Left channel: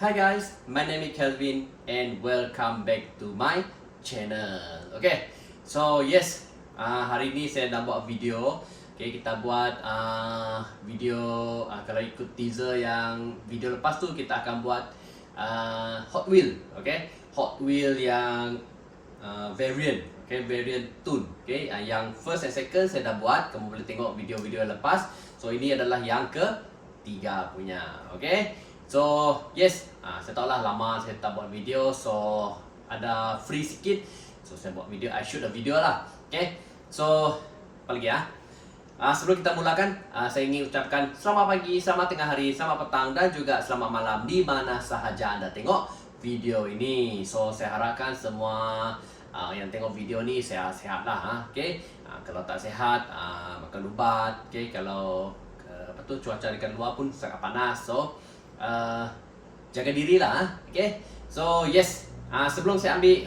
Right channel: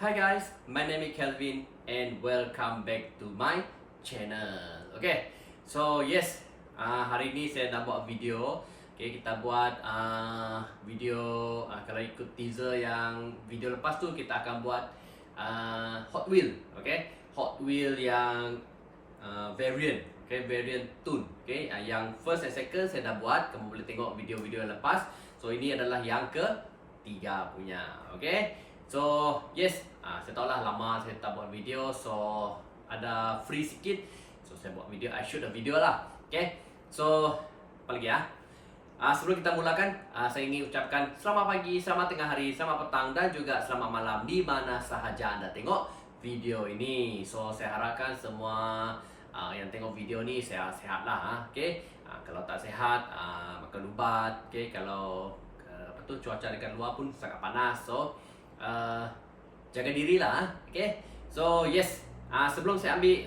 Hi guys, my name is Kelvin and welcome back to my channel. Okay, so yes, hari ini saya nak buat video. Okay, kita buat video kalau ikut teaser yang video lepas tu kita akan buat Hot Wheel. Okay, Hot Wheel yang variant. Okay, variant tune. Okay, yang first and second saya dah buat. Kamu boleh tengok video-video lepas. So ini adalah yang ketiga punya. Okay. So yes, saya tahu lah lama saya tak buat video, so ada free sikit, so saya buat video, I shoot a video lah. Okay, so apa lagi ya? Sebelum kita mulakan, saya ingin ucapkan selamat pagi, selamat tengah hari, selamat petang dan juga selamat malam di mana sahaja anda tengok video ini. So saya harapkan semua yang tengok video ni sehat-sehat lah. Okay, kalau tak sehat, makan ubat. Okay, kalau cuaca dekat luar pun sangat panas, so jaga diri lah. Okay, so yes, sebelum saya ambil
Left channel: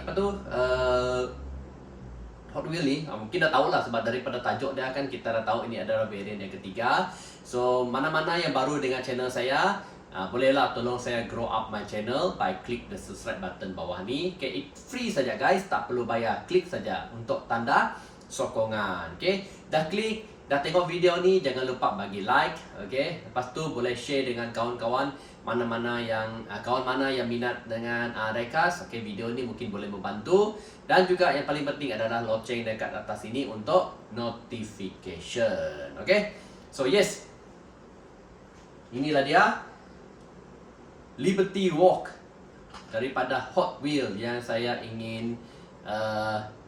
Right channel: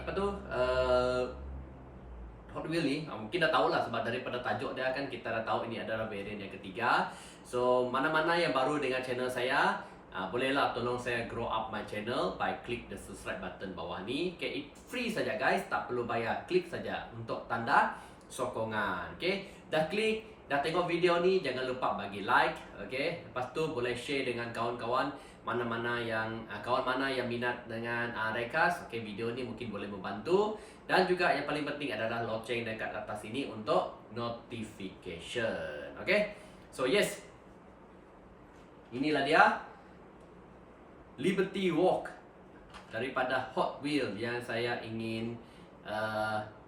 Hot Wheel ni, mungkin dah tahu lah sebab daripada tajuk dia kan kita dah tahu ini adalah variant yang ketiga. So mana-mana yang baru dengan channel saya, bolehlah tolong saya grow up my channel by click the subscribe button bawah ni. Okay, it free saja guys, tak perlu bayar, klik saja untuk tanda sokongan. Okay, dah klik, dah tengok video ni, jangan lupa bagi like. Okay, lepas tu boleh share dengan kawan-kawan mana-mana yang kawan mana yang minat dengan Diecast. Okay, video ni mungkin boleh membantu. Dan juga yang paling penting adalah loceng dekat atas ini untuk notification. Okay, so yes, inilah dia Liberty Walk daripada Hot Wheel yang saya ingin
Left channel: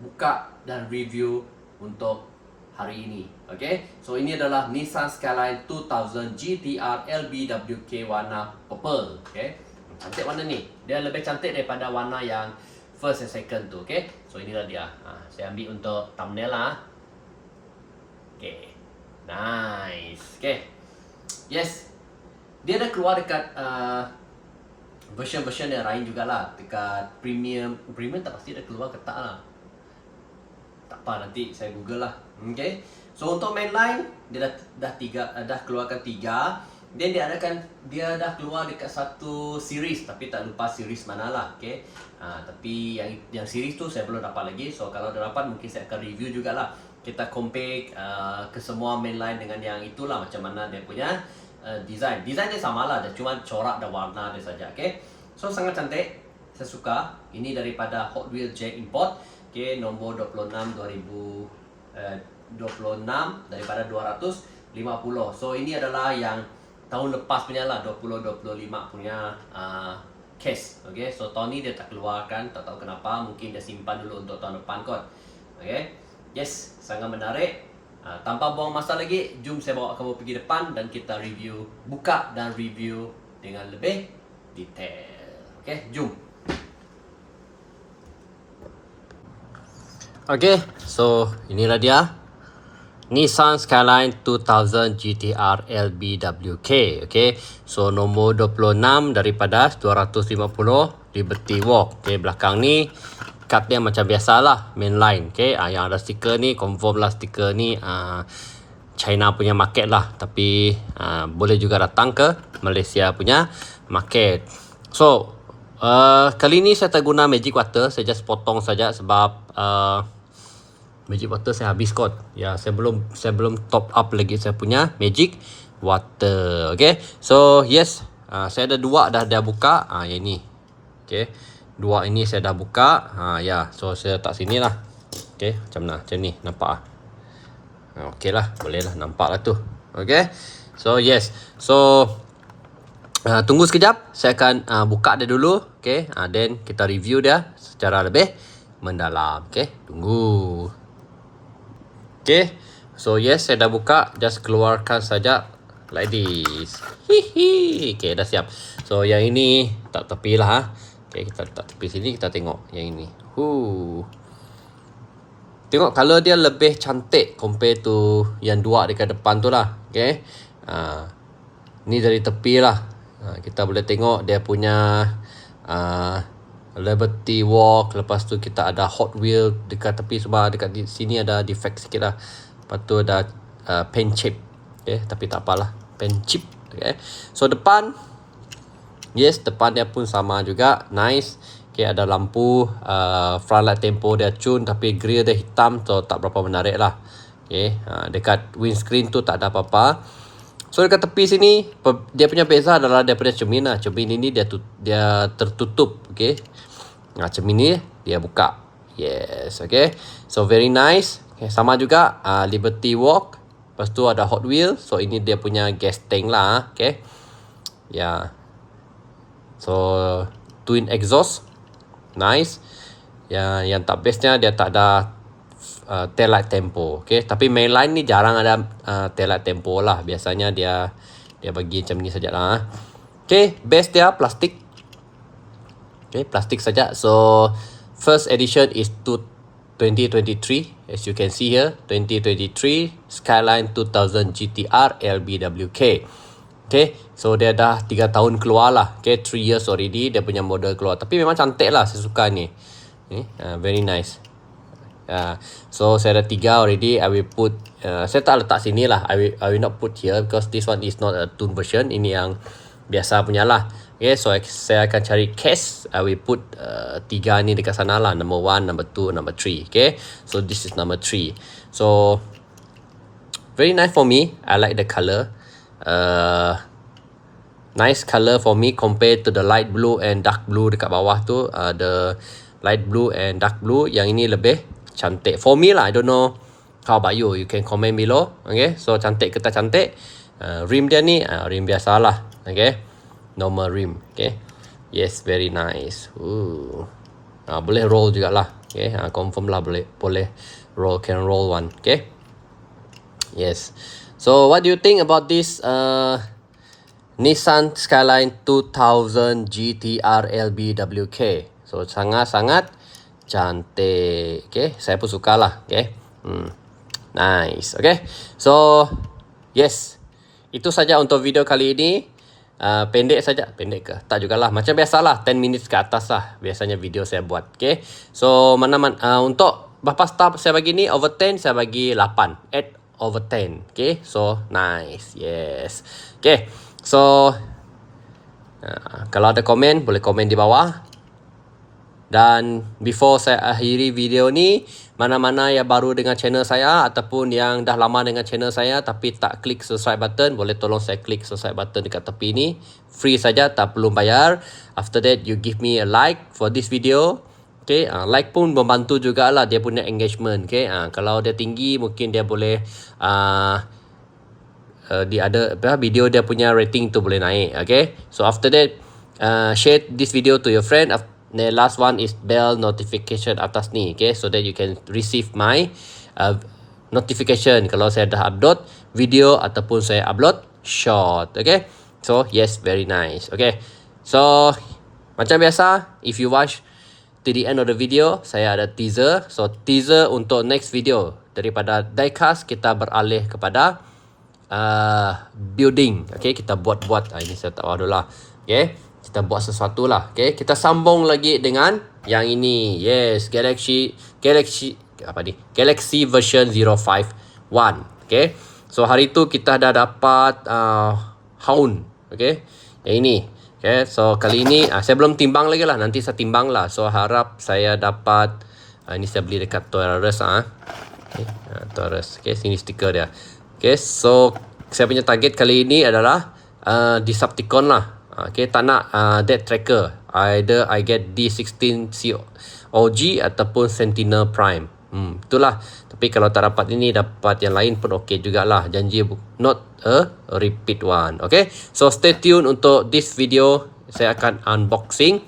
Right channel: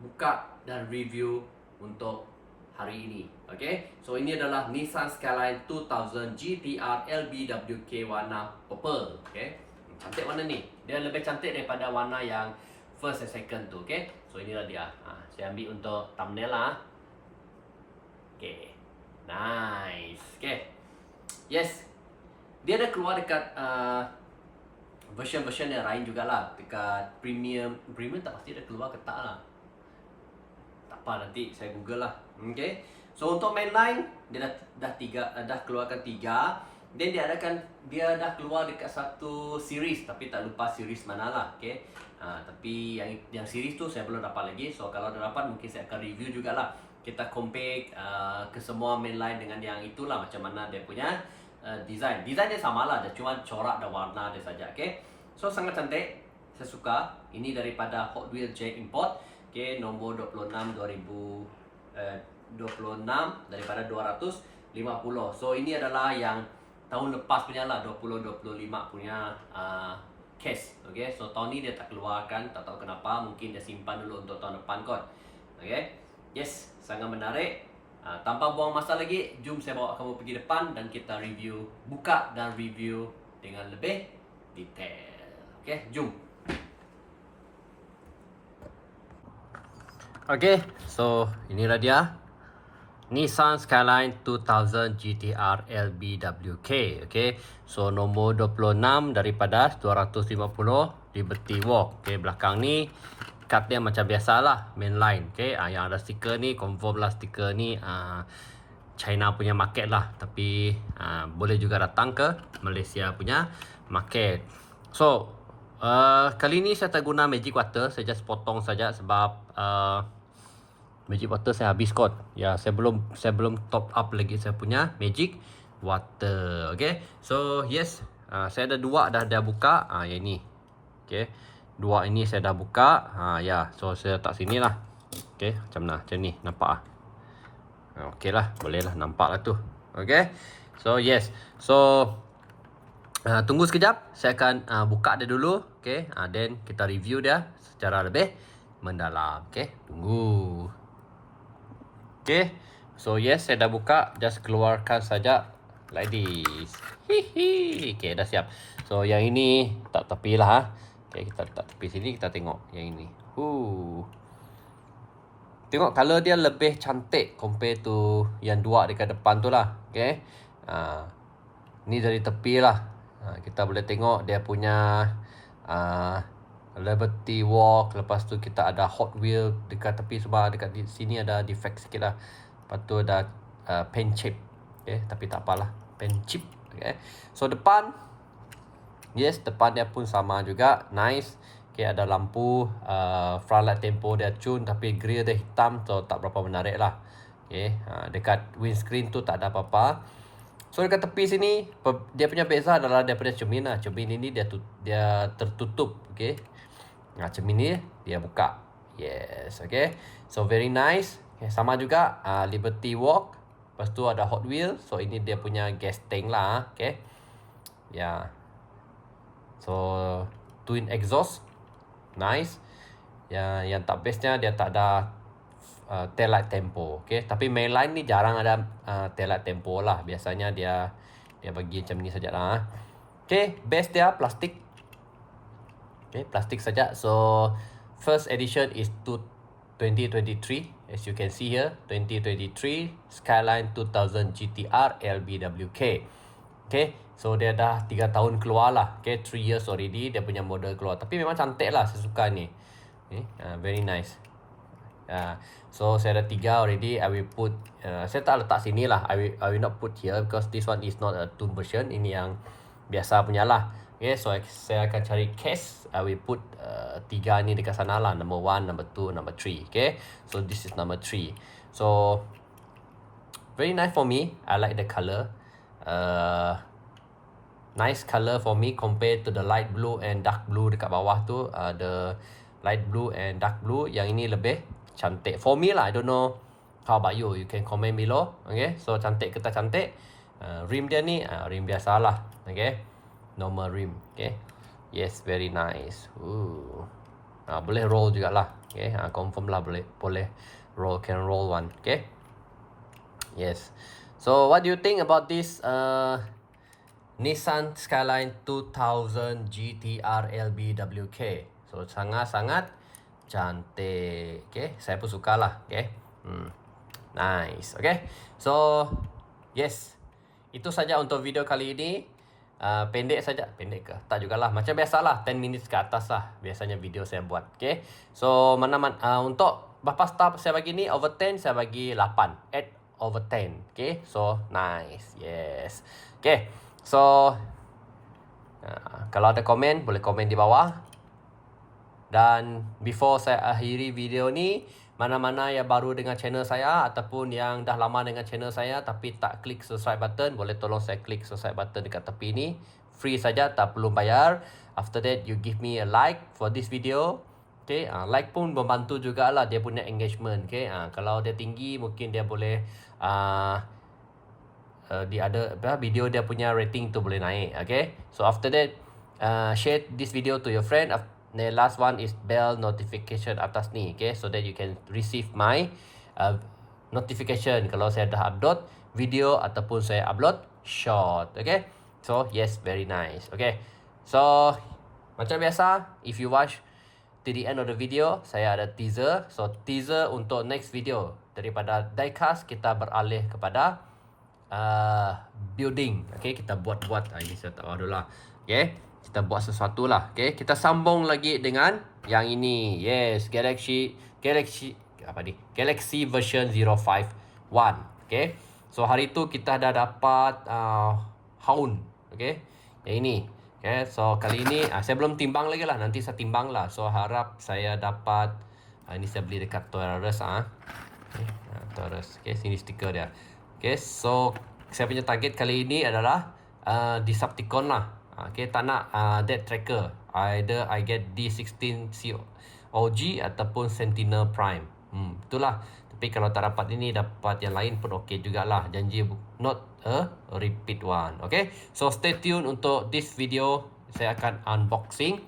buka dan review untuk hari ini. Okay, so ini adalah Nissan Skyline 2000 GTR LBWK warna purple. Okay, cantik warna ni, dia lebih cantik daripada warna yang first and second tu. Okay, so inilah dia. Saya ambil untuk thumbnail lah. Okay, nice. Okay, yes, dia dah keluar dekat version-version yang lain jugalah, dekat premium tak pasti dah keluar ke tak lah. Tak apa, nanti saya google lah. Okay, so untuk mainline dia dah keluarkan 3. Dan dia dah keluar dekat satu series, tapi tak lupa series mana lah. Okay, tapi yang series tu saya belum dapat lagi. So kalau dah dapat mungkin saya akan review jugalah. Kita compare ke semua mainline dengan yang itulah, macam mana dia punya design dia sama lah, dia cuma corak dan warna dia saja. Okay, so sangat cantik, saya suka. Ini daripada Hot Wheels J Import. Okay, nombor 26 daripada 250. So ini adalah yang tahun lepas punya lah, 2025 punya case. Okay, so tahun ni dia tak keluarkan, tak tahu kenapa, mungkin dia simpan dulu untuk tahun depan kot. Okay, yes, sangat menarik. Tanpa buang masa lagi, jom saya bawa kamu pergi depan dan kita review, buka dan review dengan lebih detail. Okay, jom. Okay, so inilah dia Nissan Skyline 2000 GTR LBWK. Okay, so nombor 26 daripada 250 Liberty Walk. Okay, belakang ni kad dia macam biasalah, mainline. Okay, yang ada stiker ni confirm lah, stiker ni China punya market lah, tapi boleh juga datang ke Malaysia punya market. So kali ni saya tak guna magic water, saya just potong saja sebab magic water saya habis kot. Ya, saya belum top up lagi saya punya magic water. Okay, so yes, saya ada 2 dah buka. Yang ni. Okay, 2 ini saya dah buka. Ya, so saya letak sini lah. Okay, macam ni, nampak okay lah, boleh lah, nampak lah tu. Okay, so yes, so tunggu sekejap, saya akan buka dia dulu. Okay, then kita review dia secara lebih mendalam. Okay, tunggu. Okay, so yes, saya dah buka, just keluarkan saja like this. Hihi. Okay, dah siap. So yang ini tak tepi lah. Okay, kita letak tepi sini, kita tengok yang ini. Tengok color dia lebih cantik compare to yang 2 dekat depan tu lah. Okay, ni dari tepi lah. Kita boleh tengok dia punya Liberty Walk. Lepas tu kita ada Hot Wheel dekat tepi, sebab dekat sini ada defect sikit lah. Lepas tu ada paint chip. Okay, tapi tak apalah, paint chip. Okay, so depan Yes, depan dia pun sama juga. Nice. Okay, ada lampu. Front light tempo dia cun, tapi grill dia hitam, so tak berapa menarik lah. Okay, dekat windscreen tu tak ada apa-apa. So dekat tepi sini, dia punya beza adalah dia punya cermin lah. Cermin ini dia tertutup. Okay, cermin ni dia buka. Yes, okay. So very nice. Okay, sama juga Liberty Walk. Lepas tu ada Hot Wheels. So ini dia punya gas tank lah. Okay. Ya. So twin exhaust. Nice. Yang tak bestnya dia tak ada tail light tempo. Okay. Tapi mainline ni jarang ada tail light tempo lah. Biasanya dia bagi macam ni saja lah. Okay. Base dia plastik. Okay. Plastik saja. So first edition is 2023. As you can see here, 2023 Skyline 2000 GTR LBWK. Okay, so dia dah 3 tahun keluar lah. Okay, 3 years already dia punya model keluar. Tapi memang cantik lah, saya suka ni. Very nice. So saya ada 3 already. I will put, saya tak letak sini lah. I will not put here because this one is not a tune version. Ini yang biasa punya lah. Okay, so saya akan cari case. I will put 3 ni dekat sana lah. Number 1, number 2, number 3. Okay, so this is number 3. So very nice for me. I like the color. Nice color for me compared to the light blue and dark blue dekat bawah tu. The light blue and dark blue, yang ini lebih cantik for me lah. I don't know how about you. You can comment below. Okay, so cantik ke tak cantik? Rim dia ni rim biasa lah. Okay, normal rim. Okay, yes, very nice. Boleh roll jugalah. Okay, confirm lah boleh roll, can roll one. Okay, yes. So what do you think about this Nissan Skyline 2000 GTR LBWK? So sangat-sangat cantik. Okay, saya pun suka lah. Okay, nice. Okay, so yes, itu saja untuk video kali ini. Pendek saja. Pendek ke? Tak jugalah. Macam biasalah, 10 minutes ke atas lah biasanya video saya buat. Okay, so untuk berapa star saya bagi ni? Over 10 saya bagi 8. 8 over 10. Okay, so nice. Yes. Okay, so kalau ada komen, boleh komen di bawah. Dan before saya akhiri video ni, mana-mana yang baru dengan channel saya ataupun yang dah lama dengan channel saya tapi tak klik subscribe button, boleh tolong saya klik subscribe button dekat tepi ni. Free saja, tak perlu bayar. After that, you give me a like for this video. Okay, like pun membantu jugalah dia punya engagement. Okay, kalau dia tinggi, mungkin dia boleh di ada video dia punya rating tu boleh naik. Okay, so after that, share this video to your friend. The last one is bell notification atas ni. Okay, so that you can receive my notification kalau saya dah upload video ataupun saya upload short. Okay, so yes, very nice. Okay, so macam biasa, if you watch to the end of the video, saya ada teaser. So teaser untuk next video. Daripada diecast, kita beralih kepada building. Okay, kita buat-buat. Ini saya tak tahu lah. Okay, kita buat sesuatu lah. Okay, kita sambung lagi dengan yang ini. Yes, Galaxy version 051. Okay, so hari tu kita dah dapat Hound. Okay, yang ini. Okay, so kali ini saya belum timbang lagi lah. Nanti saya timbang lah. So harap saya dapat ini saya beli dekat Toys R Us. Okay, Toys R Us. Okay, sini stiker dia. Okay, so saya punya target kali ini adalah Decepticon lah. Okay, tak nak Death Tracker. Either I get D16 COG ataupun Sentinel Prime. Itulah. Tapi kalau tak dapat ini, dapat yang lain pun okey jugalah. Janji not a repeat one. Okay, so stay tune untuk this video. Saya akan unboxing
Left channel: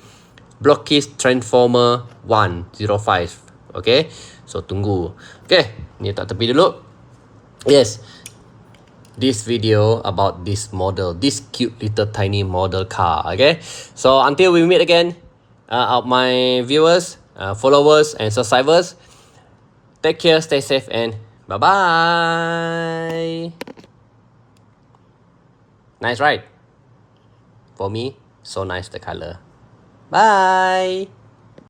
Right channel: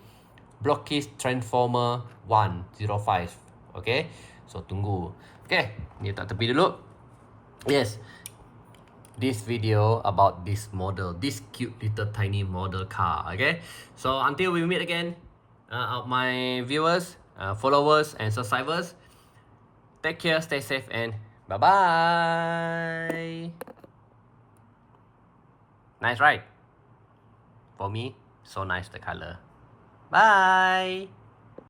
Blockist Transformer 105. Okay, so tunggu. Okay, ni tak tepi dulu. Yes, this video about this model, this cute little tiny model car. Okay, so until we meet again, my viewers, followers and subscribers, take care, stay safe, and bye-bye. Nice, right? For me, so nice the color. Bye.